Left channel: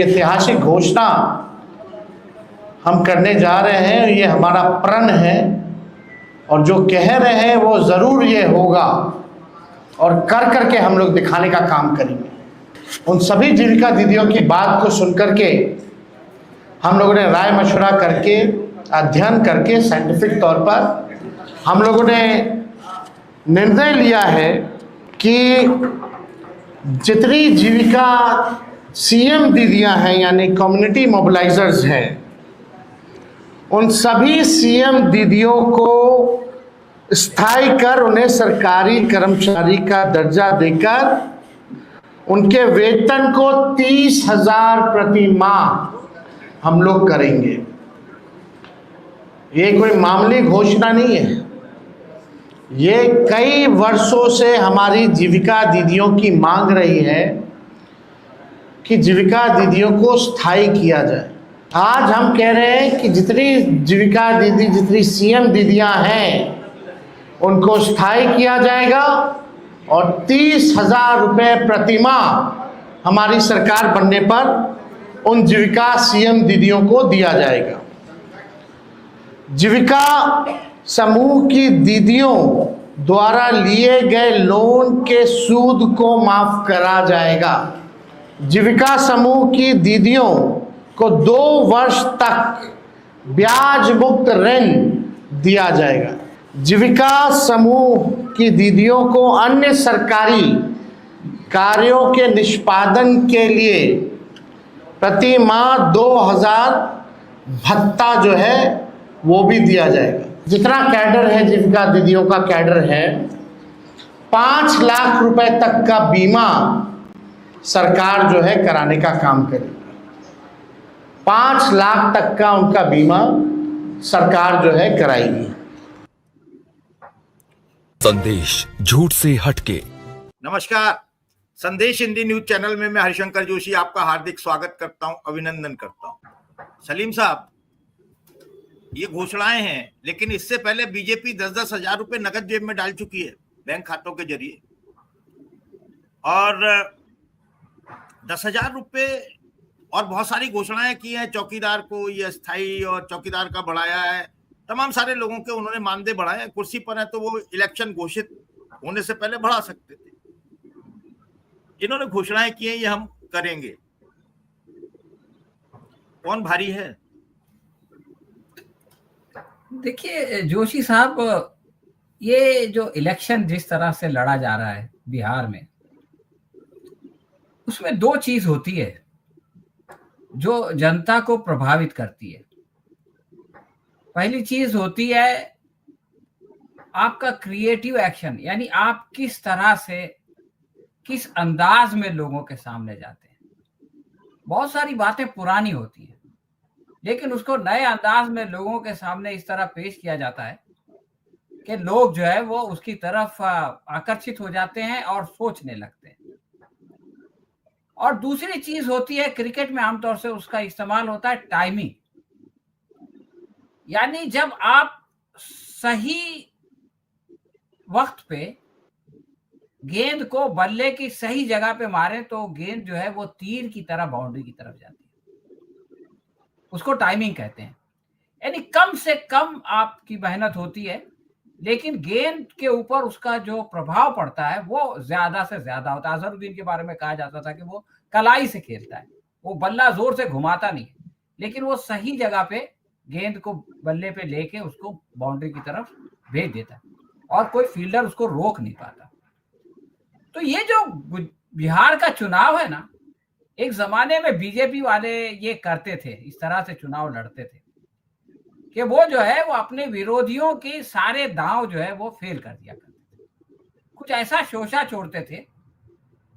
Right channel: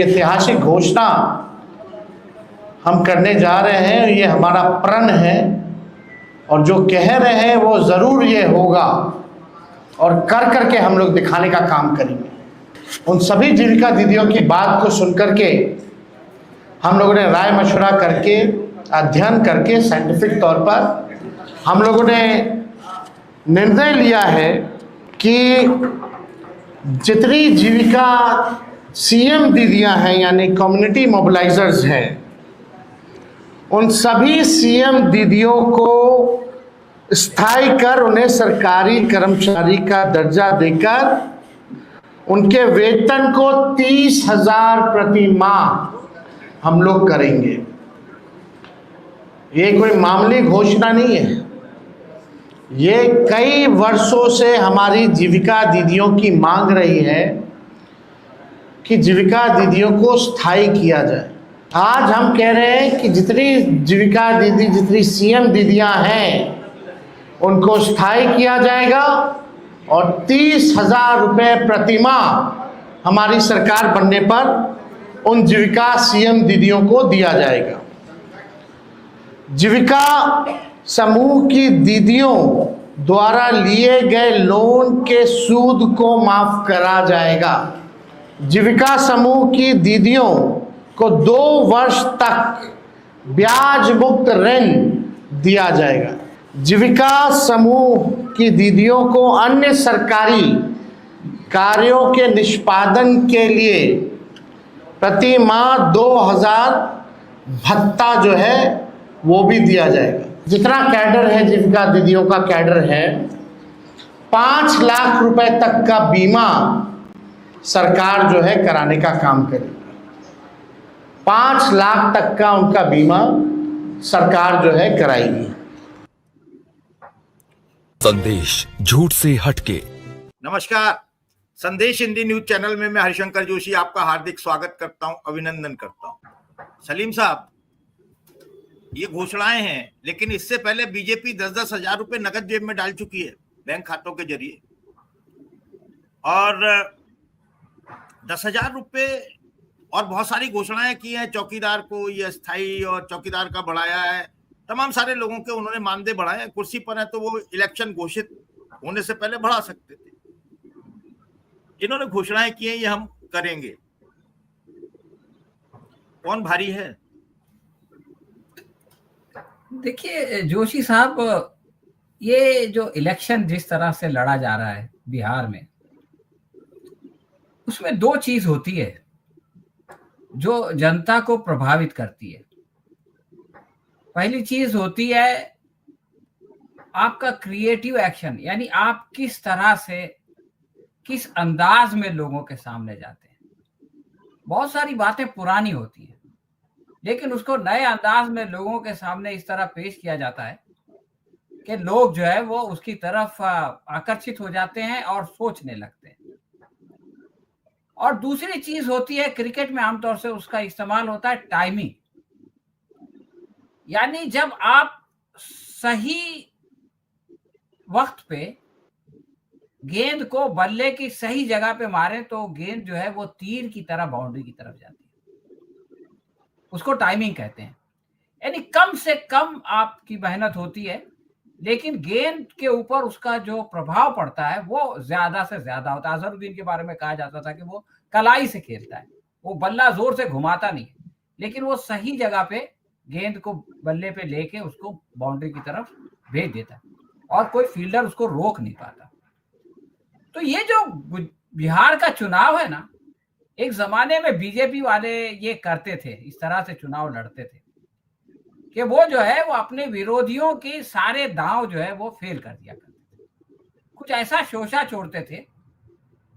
ऐतिहासिक घोषणा हम करने जा रहे हैं, ये हमारा प्रण है और जो कह रहे हैं वो ज़रूर ये होगा और कर करके हम लोग दिखाने का काम करेंगे। उन सभी जीविका दीदियों की बात को सुन करके हम लोगों ने राय मशवरा करके, अध्ययन करके, साइंटिफिक तौर पर हम लोगों ने निर्णय लिया है कि जितनी जीविका सीएम दीदियां हैं यानी कम्युनिटी मोबिलाइजर्स हैं, उन सभी सीएम दीदियों को स्थायी कर उन्हें सरकारी कर्मचारी का दर्जा देकर उनके वेतन को 30,000 प्रति माह हम लोग करेंगे। ये कोई मामूली घोषणा नहीं है, ये कई वर्षों से हमारी जीविका दीदियों की मांग रही है कि जीविका दीदियों को स्थायी किया जाए। आज हम कह रहे हैं कि जितनी जीविका दीदी, जितनी सीएम दीदियां हैं, उनको स्थायी किया जाएगा और 30,000 रुपये प्रति माह हमारी सरकार बनने पर उन जीविका सीएम दीदियों को दिया जाएगा। जीविका समूह की दीदियों द्वारा लिए गए लोन के सूद को माफ करा जाएगा। जीविका समूह की दीदियों को 2 वर्ष तक ब्याज मुक्त ऋण दिया जाएगा। जीविका समूह की दीदियों को अन्य सरकारी कार्यों के निष्पादन के लिए प्रति माह 2,000 भत्ता जो है वो भी दिया जाएगा। जितना कैडर है, जीविका दीदियों का कैडर है, 5 लाख रुपए तक का बीमा सरकार जो है कराने का काम करेगी। 5 लाख तक का उनका बीमा सरकार जो है कराएगी। संदेश झूठ से हटके। नमस्कार, संदेश हिंदी न्यूज चैनल में मैं हरिशंकर जोशी आपका हार्दिक स्वागत करता हूं, अभिनंदन करता हूं। सलीम साहब, ये घोषणाएं हैं, लेकिन इससे पहले बीजेपी 10-10 हजार रुपए नगद जेब में डाल चुकी है बैंक खातों के जरिए, और 10,000 रुपए और बहुत सारी घोषणाएं की हैं। चौकीदार को ये अस्थायी और चौकीदार का बढ़ाया है, तमाम सारे लोगों के उन्होंने मानदेय बढ़ाए हैं। कुर्सी पर है तो वो इलेक्शन घोषित होने से पहले बढ़ा सकते थे। इन्होंने घोषणाएं की हैं, ये हम करेंगे। कौन भारी है? देखिए जोशी साहब, ये जो इलेक्शन जिस तरह से लड़ा जा रहा है बिहार में, उसमें 2 चीज होती है जो जनता को प्रभावित करती है। पहली चीज होती है आपका क्रिएटिव एक्शन, यानी आप किस तरह से, किस अंदाज में लोगों के सामने जाते हैं। बहुत सारी बातें पुरानी होती है, लेकिन उसको नए अंदाज में लोगों के सामने इस तरह पेश किया जाता है कि लोग जो है वो उसकी तरफ आकर्षित हो जाते हैं और सोचने लगते हैं। और दूसरी चीज होती है, क्रिकेट में आमतौर से उसका इस्तेमाल होता है टाइमिंग, यानी जब आप सही वक्त पे गेंद को बल्ले की सही जगह पे मारे तो गेंद जो है वो तीर की तरह बाउंड्री की तरफ जाती है। उसको टाइमिंग कहते हैं, यानी कम से कम आपकी मेहनत होती है, लेकिन गेंद के ऊपर उसका जो प्रभाव पड़ता है वो ज्यादा से ज्यादा होता है। अजहरुद्दीन के बारे में कहा जाता था कि वो कलाई से खेलता है, वो बल्ला जोर से घुमाता नहीं, लेकिन वो सही जगह पे गेंद को बल्ले पे लेके उसको बाउंड्री की तरफ भेज देता है और कोई फील्डर उसको रोक नहीं पाता। तो ये जो बिहार का चुनाव है ना, एक जमाने में बीजेपी वाले ये करते थे, इस तरह से चुनाव लड़ते थे कि वो जो है वो अपने विरोधियों की सारे दांव जो है वो फेल कर दिया करते थे। कुछ ऐसा शोषा छोड़ते थे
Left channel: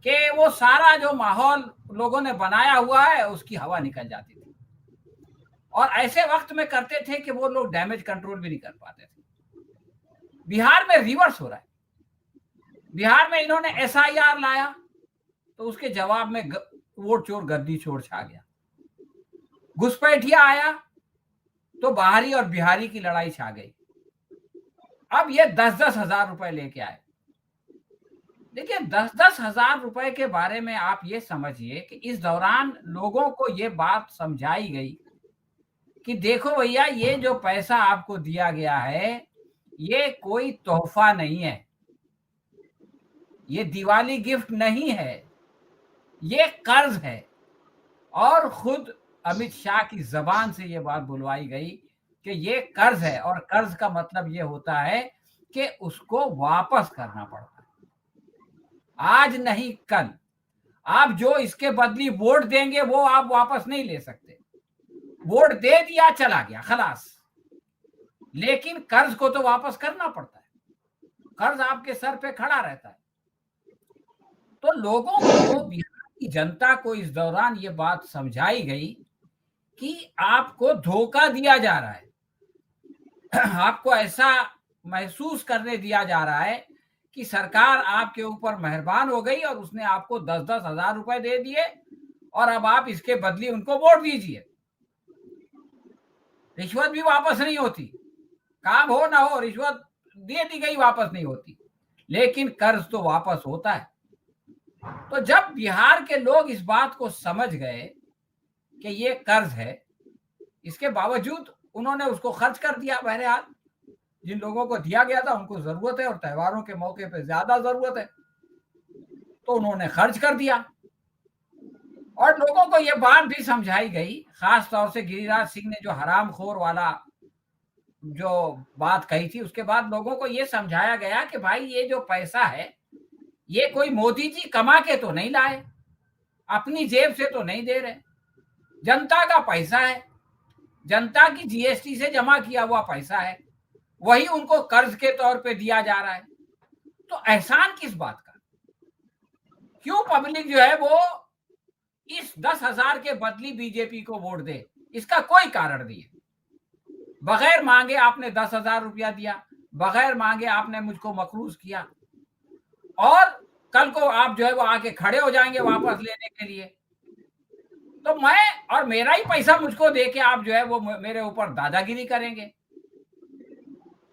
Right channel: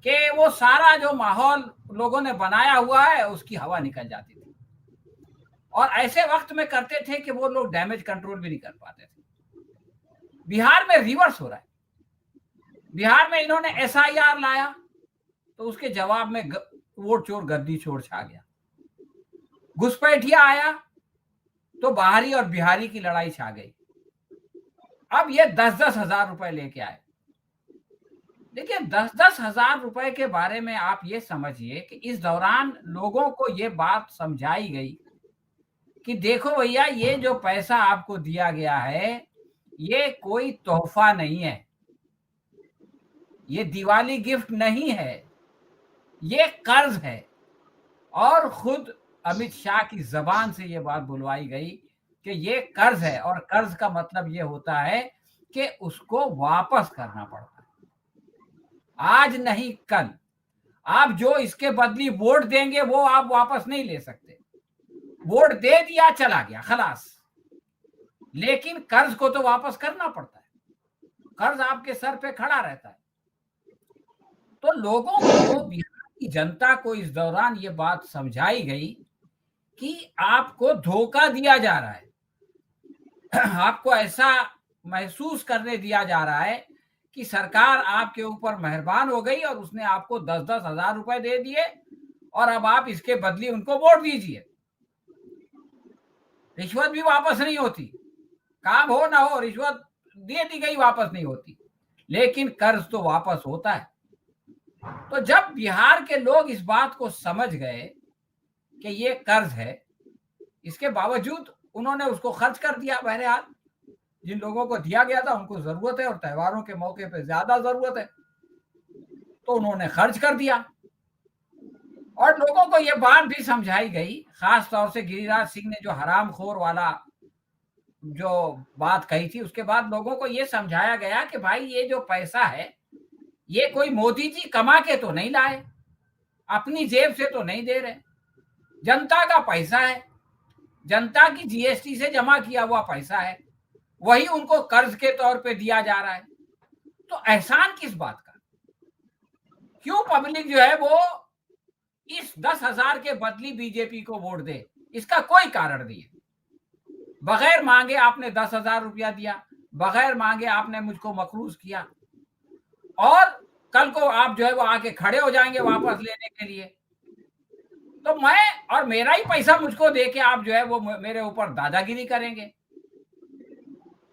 कि वो सारा जो माहौल लोगों ने बनाया हुआ है उसकी हवा निकल जाती थी, और ऐसे वक्त में करते थे कि वो लोग डैमेज कंट्रोल भी नहीं कर पाते थे। बिहार में रिवर्स हो रहा है। बिहार में इन्होंने SIR लाया तो उसके जवाब में वोट चोर गद्दी चोर छा गया। घुसपैठिया आया तो बाहरी और बिहारी की लड़ाई छा गई। अब ये 10-10 हजार रुपए लेके आए देखिए 10-10 हजार रुपए के बारे में आप ये समझिए कि इस दौरान लोगों को ये बात समझाई गई कि देखो भैया, ये जो पैसा आपको दिया गया है ये कोई तोहफा नहीं है, ये दिवाली गिफ्ट नहीं है, ये कर्ज है। और खुद अमित शाह की जबान से ये बात बुलवाई गई कि ये कर्ज है, और कर्ज का मतलब ये होता है कि उसको वापस करना पड़ता है, आज नहीं कल। आप जो इसके बदली वोट देंगे वो आप वापस नहीं ले सकते, वोट दे दिया चला गया खलास, लेकिन कर्ज को तो वापस करना पड़ता है, कर्ज आपके सर पे खड़ा रहता है। तो लोगों को, बिहार की जनता को इस दौरान ये बात समझाई गई कि आपको धोखा दिया जा रहा है, आपको ऐसा महसूस करने दिया जा रहा है कि सरकार आपके ऊपर मेहरबान हो गई और उसने आपको 10-10 हजार रुपए दे दिए और अब आप इसके बदले उनको वोट दीजिए। रिश्वत भी वापस नहीं होती, काम हो ना हो रिश्वत दे दी गई वापस नहीं होती, लेकिन कर्ज तो वापस होता है। तो जब बिहार के लोग इस बात को समझ गए कि ये कर्ज है, इसके बावजूद उन्होंने उसको खर्च कर दिया। बहरहाल जिन लोगों को दिया गया था उनको जरूरत है और त्योहारों के मौके पे ज्यादा जरूरत है, तो उन्होंने खर्च कर दिया। और लोगों को ये बात भी समझाई गई, खास तौर से गिरिराज सिंह ने जो हरामखोर वाला जो बात कही थी, उसके बाद लोगों को ये समझाया गया कि भाई ये जो पैसा है ये कोई मोदी जी कमा के तो नहीं लाए, अपनी जेब से तो नहीं दे रहे, जनता का पैसा है, जनता की जीएसटी से जमा किया हुआ पैसा है, वही उनको कर्ज के तौर पे दिया जा रहा है। तो एहसान किस बात का? क्यों पब्लिक जो है वो इस 10,000 के बदली बीजेपी को वोट दे? इसका कोई कारण नहीं है। बगैर मांगे आपने 10,000 रुपया दिया, बगैर मांगे आपने मुझको मकरूज किया, और कल को आप जो है वो आके खड़े हो जाएंगे वापस लेने के लिए। तो मैं और मेरा ही पैसा मुझको दे के आप जो है वो मेरे ऊपर दादागिरी करेंगे,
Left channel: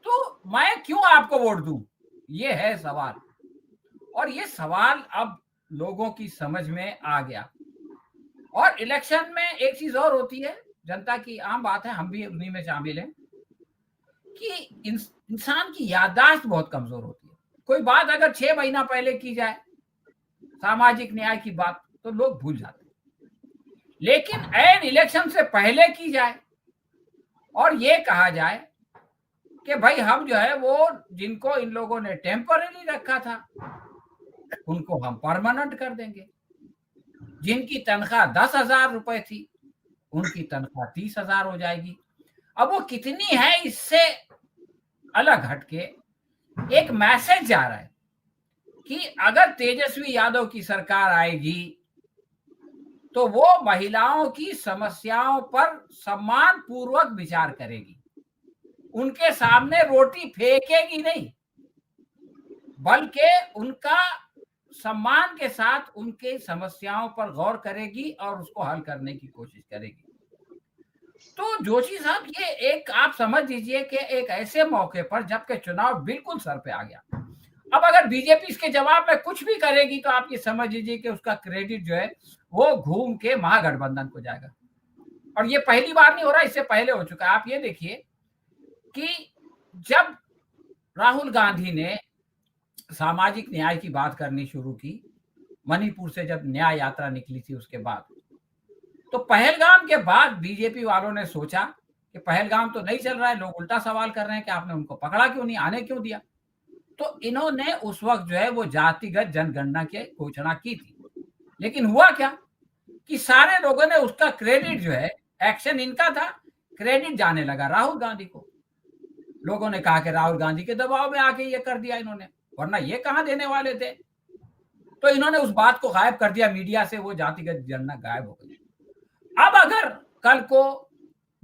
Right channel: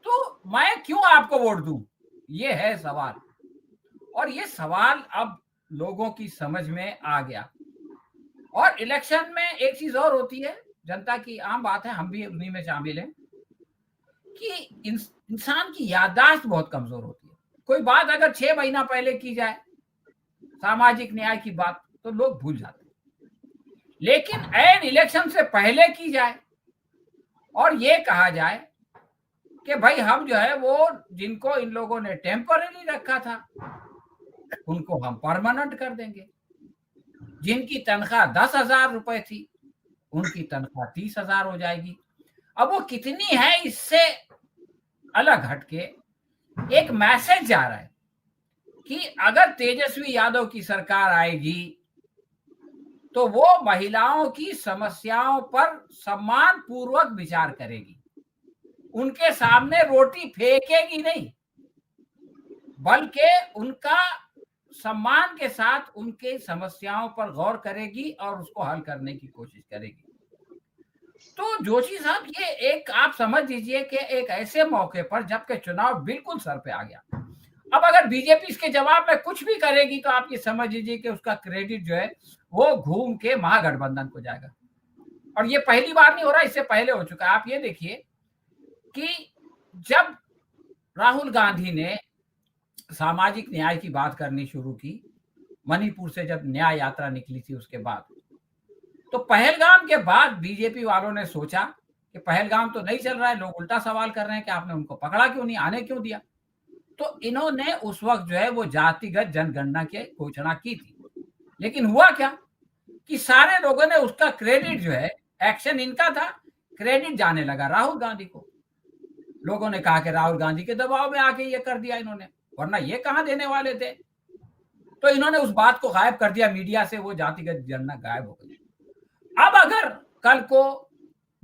तो मैं क्यों आपको वोट दूं? ये है सवाल। और ये सवाल अब लोगों की समझ में आ गया। और इलेक्शन में एक चीज और होती है, जनता की आम बात है, हम भी उन्हीं में शामिल हैं, कि इंसान की याददाश्त बहुत कमजोर होती है। कोई बात अगर 6 महीना पहले की जाए, सामाजिक न्याय की बात, तो लोग भूल जाते हैं, लेकिन ऐन इलेक्शन से पहले की जाए और ये कहा जाए कि भाई हम जो है वो जिनको इन लोगों ने टेम्पररी रखा था उनको हम परमानेंट कर देंगे, जिनकी तनख्वाह 10,000 रुपए थी उनकी तनख्वाह 30,000 हो जाएगी। अब वो कितनी है इससे अलग हटके एक मैसेज जा रहा है कि अगर तेजस्वी यादव की सरकार आएगी तो वो महिलाओं की समस्याओं पर सम्मान पूर्वक विचार करेगी, उनके सामने रोटी फेंकेगी नहीं, बल्कि उनका सम्मान के साथ उनके समस्याओं पर गौर करेगी और उसको हल करने की कोशिश करेगी। तो जोशी साहब, ये एक आप समझ लीजिए कि एक ऐसे मौके पर जबकि चुनाव बिल्कुल सर पे आ गया, अब अगर बीजेपी इसके जवाब में कुछ भी करेगी तो आप ये समझ लीजिए कि उसका क्रेडिट जो है वो घूम के महागठबंधन को जाएगा। और ये पहली बार नहीं हो रहा, इससे पहले हो चुका है। आप ये देखिए कि जब राहुल गांधी ने सामाजिक न्याय की बात करनी शुरू की, मणिपुर से जब न्याय यात्रा निकली थी उसके बाद, तो पहलगाम के बाद बीजेपी वालों ने सोचा कि पहलगाम तो नहीं चल रहा है, लोग उल्टा सवाल कर रहे हैं कि आपने उनको पकड़ा क्यों नहीं, आने क्यों दिया। तो इन्होंने उस वक्त जो है वो जातिगत जनगणना की घोषणा की थी, लेकिन हुआ क्या कि सारे लोगों ने उसका क्रेडिट जो है, एक्शन इनका था, क्रेडिट जाने लगा राहुल गांधी को। लोगों ने कहा कि राहुल गांधी के दबाव में आके ये कर दिया इन्होंने, वरना ये कहां देने वाले थे। तो इन्होंने उस बात को गायब कर दिया मीडिया से, वो जातिगत जनगणना गायब हो गई। अब अगर कल को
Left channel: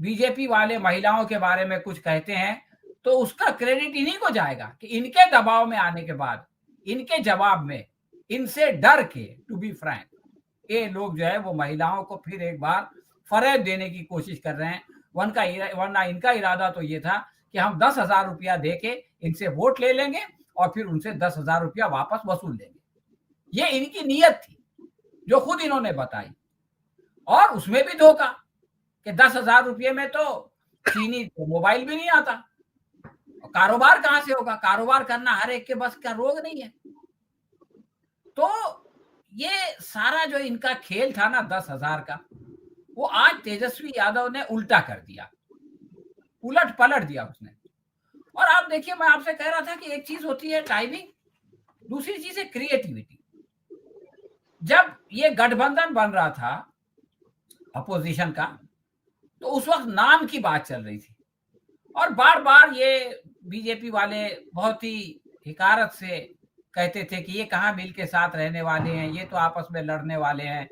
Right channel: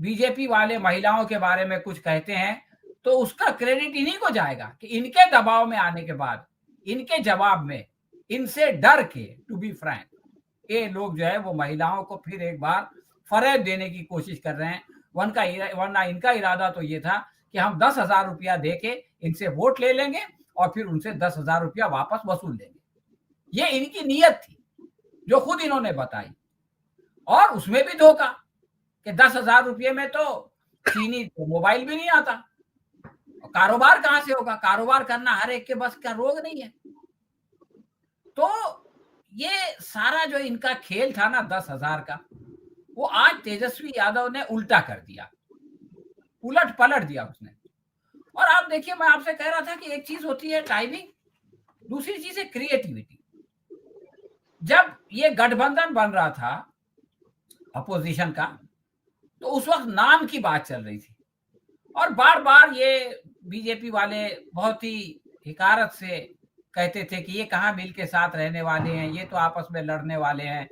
बीजेपी वाले महिलाओं के बारे में कुछ कहते हैं तो उसका क्रेडिट इन्हीं को जाएगा कि इनके दबाव में आने के बाद, इनके जवाब में, इनसे डर के, टू बी फ्रैंक, ये लोग जो है वो महिलाओं को फिर एक बार फरेब देने की कोशिश कर रहे हैं। वरना इनका इरादा तो ये था कि हम 10,000 रुपया दे के इनसे वोट ले लेंगे और फिर उनसे 10,000 रुपया वापस वसूल लेंगे। ये इनकी नीयत थी जो खुद इन्होंने बताई। और उसमें भी धोखा कि 10,000 रुपये में तो चीनी मोबाइल भी नहीं आता। और कारोबार कहाँ से होगा? कारोबार करना हर एक के बस का रोग नहीं है। तो ये सारा जो इनका खेल था ना 10,000 का, वो आज तेजस्वी यादव ने उल्टा कर दिया, उलट पलट दिया उसने। और आप देखिए, मैं आपसे कह रहा था कि एक चीज होती है टाइमिंग, दूसरी चीज है क्रिएटिविटी। जब ये गठबंधन बन रहा था अपोजिशन का, तो उस वक्त नाम की बात चल रही थी और बार बार ये बीजेपी वाले बहुत ही हिकारत से कहते थे कि ये कहाँ मिल के साथ रहने वाले हैं, ये तो आपस में लड़ने वाले हैं।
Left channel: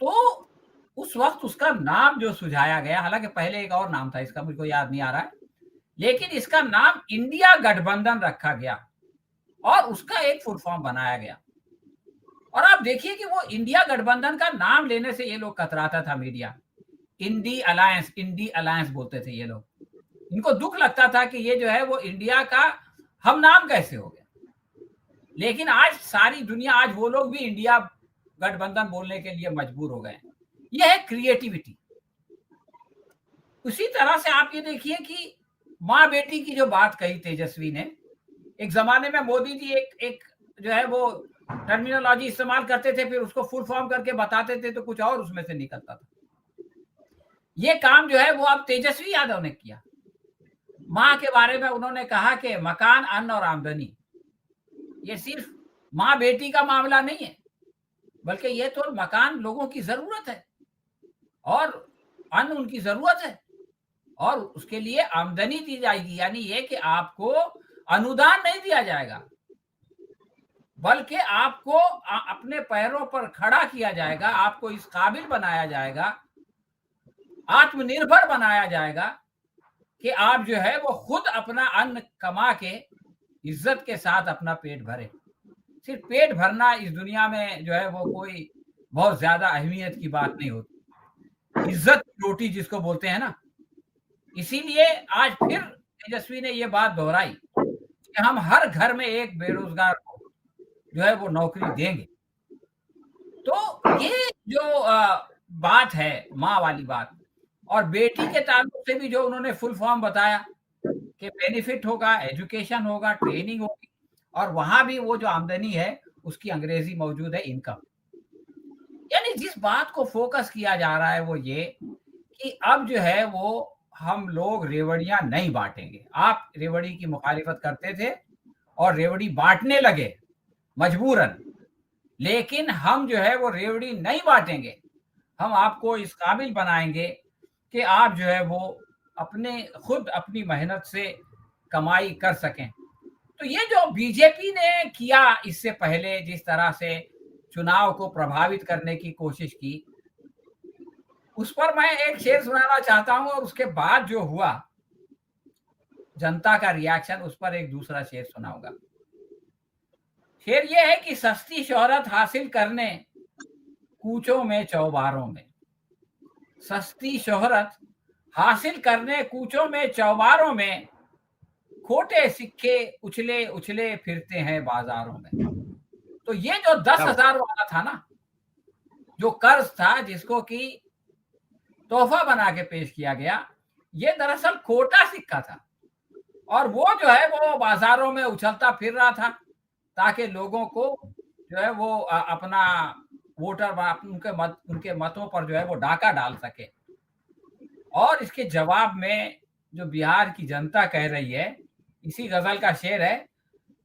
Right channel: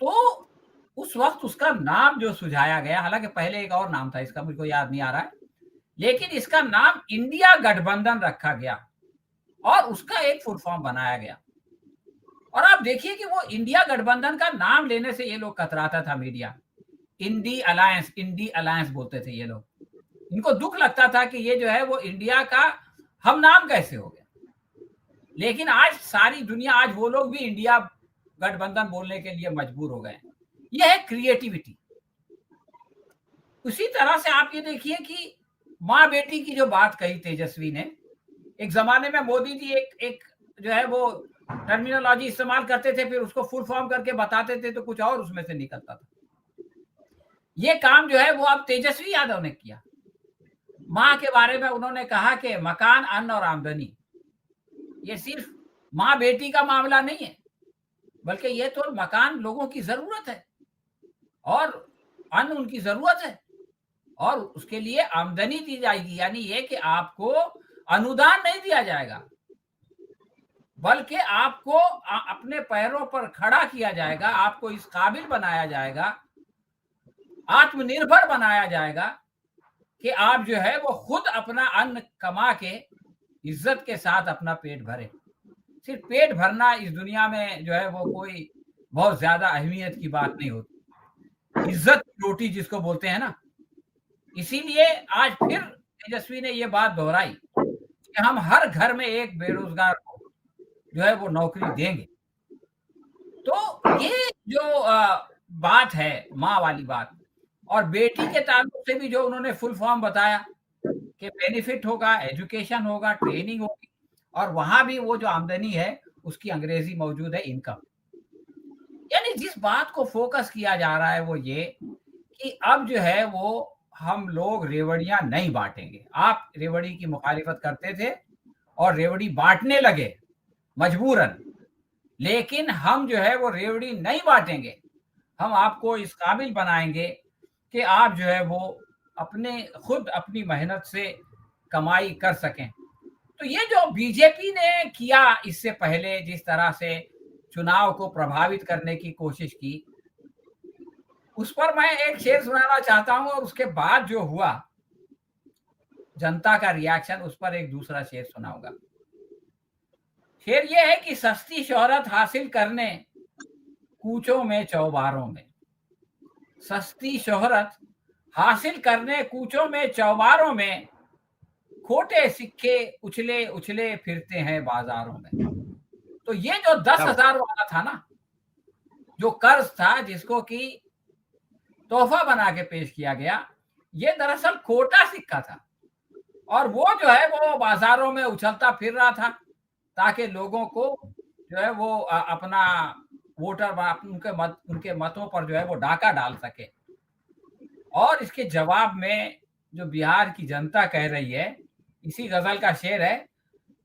तो उस वक्त उसका नाम जो सुझाया गया, हालांकि पहले एक और नाम था, इसका मुझे को याद नहीं आ रहा है, लेकिन इसका नाम इंडिया गठबंधन रखा गया और उसका एक फुल फॉर्म बनाया गया। और आप देखिए कि वो इंडिया गठबंधन का नाम लेने से ये लोग कतराता था मीडिया। इंडी अलायंस बोलते थे ये लोग। इनको दुख लगता था कि ये जो है वो इंडिया का हम नाम कैसे हो गया। लेकिन आज सारी दुनिया, आज वो लोग भी इंडिया गठबंधन बोलने के लिए मजबूर हो गए। ये है क्रिएटिविटी। उसी तरह से आप ये देखिए कि माँ बेटी की जो बात कही तेजस्वी ने, एक जमाने में मोदी जी एक जो है वो टर्मिनोलॉजी इस्तेमाल करते थे, फिर उसको फुल फॉर्म करके बताते थे तो कुछ और उसमें से निकलता था। ये काम जो है वो अब तेजस्वी यादव ने किया। माँ के बारे में उन्होंने कहा कि मकान, अन्न और आमदनी, ये सिर्फ माँ बेटी का मामला नहीं है, बल्कि ये तो मकान लोगों की जरूरत है और अन्न उनकी जरूरत है और उसके लिए आमदनी दी जाएगी। यानी ये कि आपको अनुदान नहीं दिया जाएगा, बल्कि आपको अपने पैरों पर खड़ा किया जाएगा, आपको इस काबिल बनाया जाएगा, आत्मनिर्भर बनाया जाएगा कि आप जो है वो खुद अपना अन्न कमा के इज्जत के साथ अपना पेट भरें। सिर्फ पेट भरना इस दुनिया में जो है वो कोई बहुत ज्यादा अहमियत की बात नहीं होती। इज्जत रोटी जिसको बोलते हैं ना, इसीलिए आज फिर तेजस्वी ने ये बात दोहराई कि हम हर घर में एक बेरोजगार को जो है वो नौकरी देंगे। तो ये जो बात है माँ वाली बात, और बेटी के ताल्लुक से भी जो उन्होंने फुल फॉर्म बताया कि बेनिफिट होगा, एजुकेशन होगा, ट्रेनिंग होगी, और वहां भी वो जो आमदनी है उसकी अंग्रेजी मौजूद है, इनकम। यानी जिस बात को फोकस किया जा रहा है वो ये कि अब जो है वो हम लोग रेवड़ियां नहीं बांटेंगे। आप रेवड़ी की मुखालिफत करते थे और रेवड़ी बांटने लगे मजबूरन, लेकिन हम जो है वो रेवड़ी नहीं बांटेंगे। हम आपको इस काबिल बनाएंगे कि आप जो है वो अपने खुद अपनी मेहनत से कमाई कर सकें। तो ये जो बीजेपी ने किया इससे पहले, जिस तरह से चुनाव को प्रभावित करने की कोशिश की, उस पर मैं एक शेर सुनाना चाहता हूं और उसके बाद जो हुआ जनता का रिएक्शन, उस पर एक दूसरा शेर सुनाऊंगा। शेर ये है कि सस्ती शोहरत हासिल करने कूचों में चौबारों में, सस्ती शोहरत हासिल करने कूचों में चौबारों में, खोटे सिक्के उछले उछले फिरते हैं बाजारों में। तो ये जो 10,000 वाला था ना, जो कर्ज था जिसको कि तोहफा बना के पेश किया गया, ये दरअसल खोटा सिक्का था और वो जो है वो बाजारों में उछलता फिर रहा था ताकि लोगों को जो है वो अपना वोटर उनके मतों पर जो है वो डाका डाल सके। और इसके जवाब में जो बिहार की जनता कह रही है, इसी गजल का शेर है,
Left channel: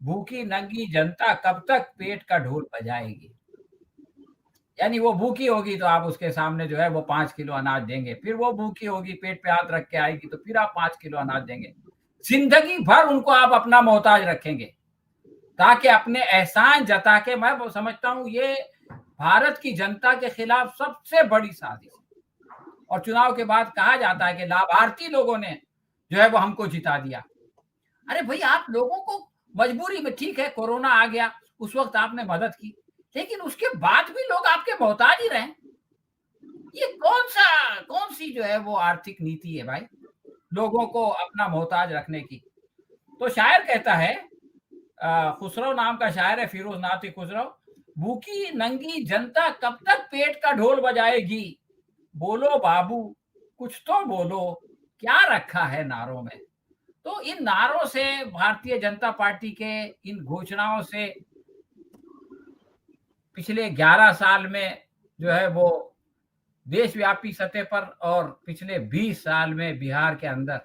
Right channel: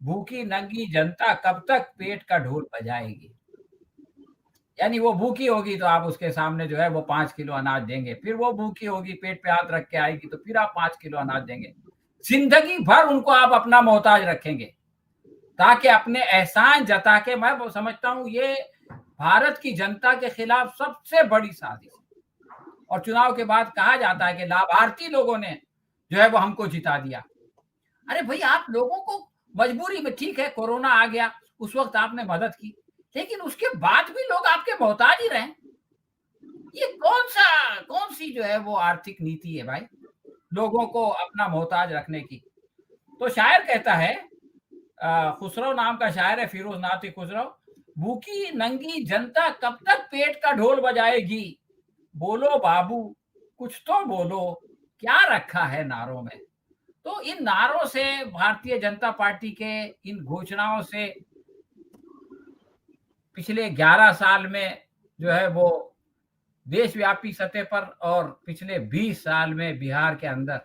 भूखी नंगी जनता कब तक पेट का ढोल बजाएगी। यानी वो भूखी होगी तो आप उसके सामने जो है वो 5 किलो अनाज देंगे, फिर वो भूखी होगी, पेट पे हाथ रख के आएगी तो फिर आप 5 किलो अनाज देंगे। जिंदगी भर उनको आप अपना मोहताज रखेंगे ताकि अपने एहसान जता के, मैं वो समझता हूँ ये भारत की जनता के खिलाफ सबसे बड़ी साजिश है। और चुनाव के बाद कहा जाता है कि लाभार्थी लोगों ने जो है वो हमको जिता दिया। अरे भाई, आप लोगों को मजबूरी में, ठीक है कोरोना आ गया, उस वक्त आपने मदद की, लेकिन उसके बाद भी लोग आपके मोहताज ही रहे। ये कौन सी जो है वो आर्थिक नीति है भाई, लोगों को अपना मोहताज रखने की। तो शायर कहता है खुसरो नाम का शायर है, फिरोज नाती खुसरो। भूखी नंगी जनता कब तक पेट का ढोल बजाएगी, बोलो बाबू कुछ तो बोलो, क्या रखा है नारों में। तो इन नारों से, भारतीय जनता पार्टी के इन घोषणाओं से पिछले 11 साल में जो है वो देशव्यापी सतह पर और पिछले 20 साल में बिहार के अंदर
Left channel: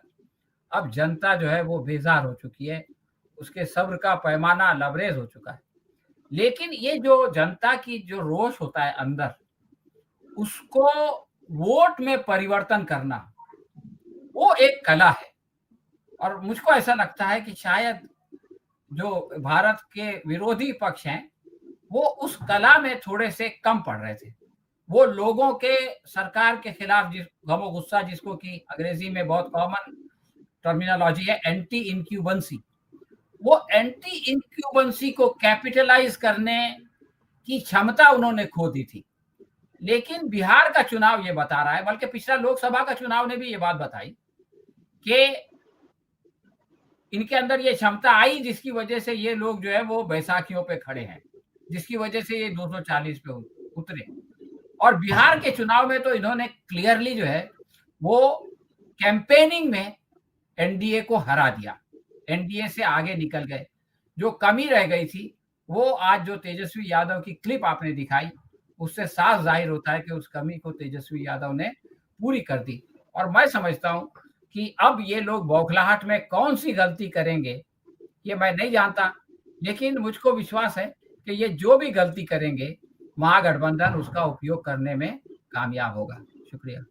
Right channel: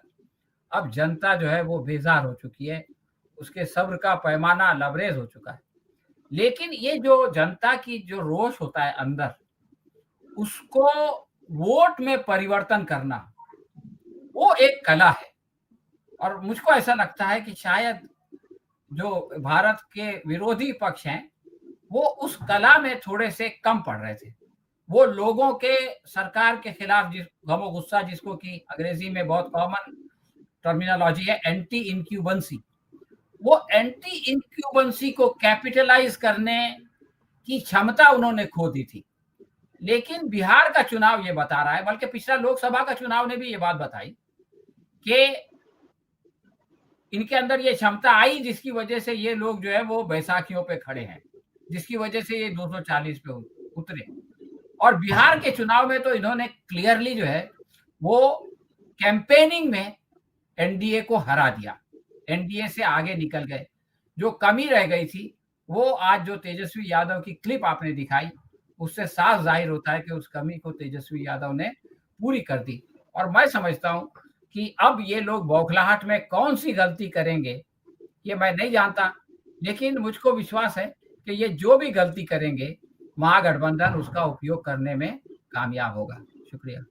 अब जनता जो है वो बेजार हो चुकी है, उसके सब्र का पैमाना लबरेज हो चुका है। लेकिन ये जो जनता की जो रोष होता है अंदर, उसको वोट में परिवर्तन करना, वो एक कला है। और मुझको ऐसा लगता है कि शायद जो भारत के विरोधी पक्ष हैं, वो उस कला में थोड़े से कम पड़ रहे थे। वो लोगों के सरकार के खिलाफ जिस गमो गुस्सा, जिसको कि अंग्रेजी में बहुत कॉमन टर्मिनोलॉजी है एंटी इंक्यूबेंसी, वो एंटी इंक्यूबेंसी को कैपिटलाइज करने की क्षमता उन्होंने खो दी थी। लेकिन बिहार का चुनाव ये बता रहा है, बल्कि पिछला लोकसभा का चुनाव ने भी ये बात बताई कि इनके अंदर ये क्षमता आई, जिसकी वजह से ये लोग जो है वो बैसाखियों पे खड़े हैं, जिसकी वजह से ये 240 पे उतरे। और बिहार के चुनाव में तो इन्होंने क्लियरली जो है वो कैंपेनिंग में एनडीए को हरा दिया, एनडीए से आगे निकल गए। जो कमी रह गई थी वो आज जो तेजस्वी यादव की क्लिप आपने दिखाई, उससे साफ जाहिर होता है कि उस कमी को तेजस्वी यादव ने पूरी कर दी। और मैं समझता हूं कि अब ये लोग बौखलाहट में कौन सी गलती करेंगे ये मैं नहीं जानता, लेकिन मुझको विश्वास है कि ये जो भी गलती करेंगे, महागठबंधन उसका उपयोग करने में कामयाब होगा। शुक्रिया।